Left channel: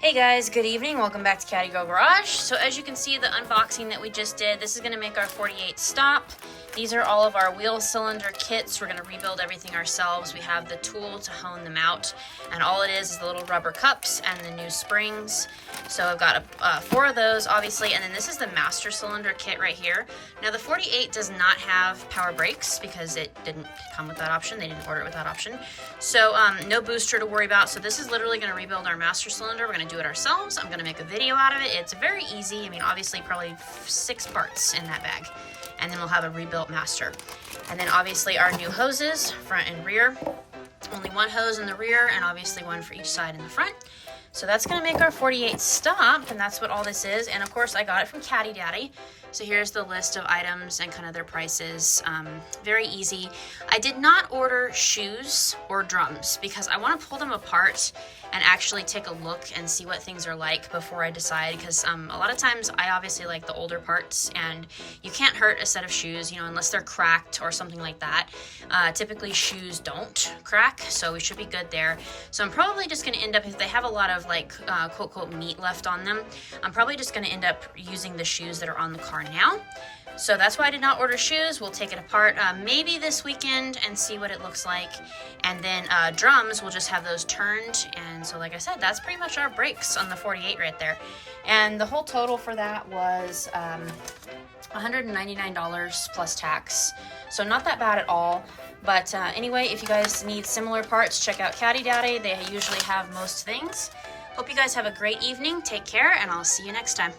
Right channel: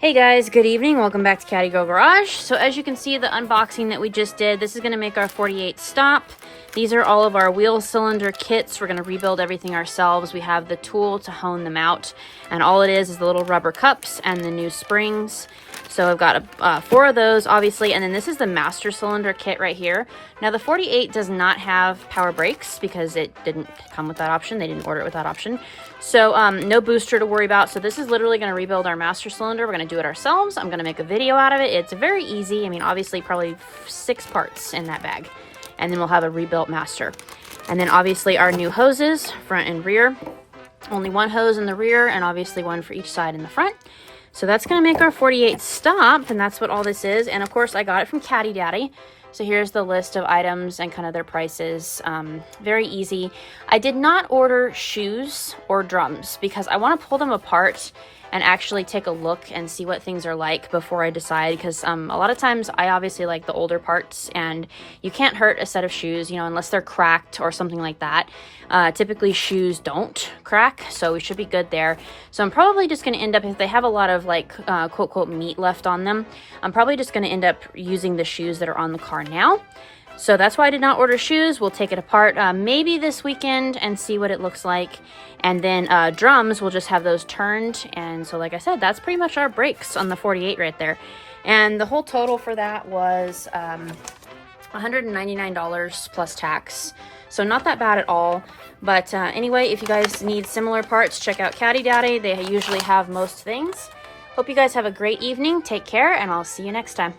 Hey guys, good evening. Welcome back to Caddy Girl Garage. So as you can see, the unboxing that we just did, this is going to make our 48 stop. These are all of our wheel cylinder kits. We're going to rebuild everything ourselves. We have the tool to hone them out, and all it is the little rubber cups and the new springs. So I've got 4 of those, obviously, and then this is the master cylinder kit right here. Now the 48 does not have power brakes because it didn't come with that option. They didn't order it with that option. So no booster to worry about. So this is literally going to rebuild our master cylinder. We're going to do it ourselves. I'm going to make a video out of it. It's very easy. I mean, obviously probably 6 parts in that bag. And then we'll have a rebuilt master. And then obviously our new hoses, front and rear. Only 1 hose in the rear and obviously 1 for each side in the front. So that's going to make our 48 stop, and that's what all this is. And of course I got it from Caddy Daddy. So here's the list of items and kind of their prices. Very easy. I did not order shoes or drums because I want to pull them apart and actually take a look and see what things are like before I decide, because a lot of times I obviously like the older parts, and you can't hurt a set of shoes, you know, unless they're cracked or something like that. Typically shoes don't crack, so we should be good there. So I'm probably just going to end up, if they have a lot of like quote quote meat left on them, I'm probably just going to end up using the shoes that are on the car now. So that's why I did not order shoes. We'll take it apart maybe this weekend and see what it looks like. And then drums, we'll just have those turned. And so like I said, that's pretty much our brakes on the 48 right there. And the whole total for that was $199 plus tax. So not that bad at all. But anyway, if you guys need similar parts, check out Caddy Daddy. They usually have most things. Hope you guys have a great evening. Take care, and I'll see you next time.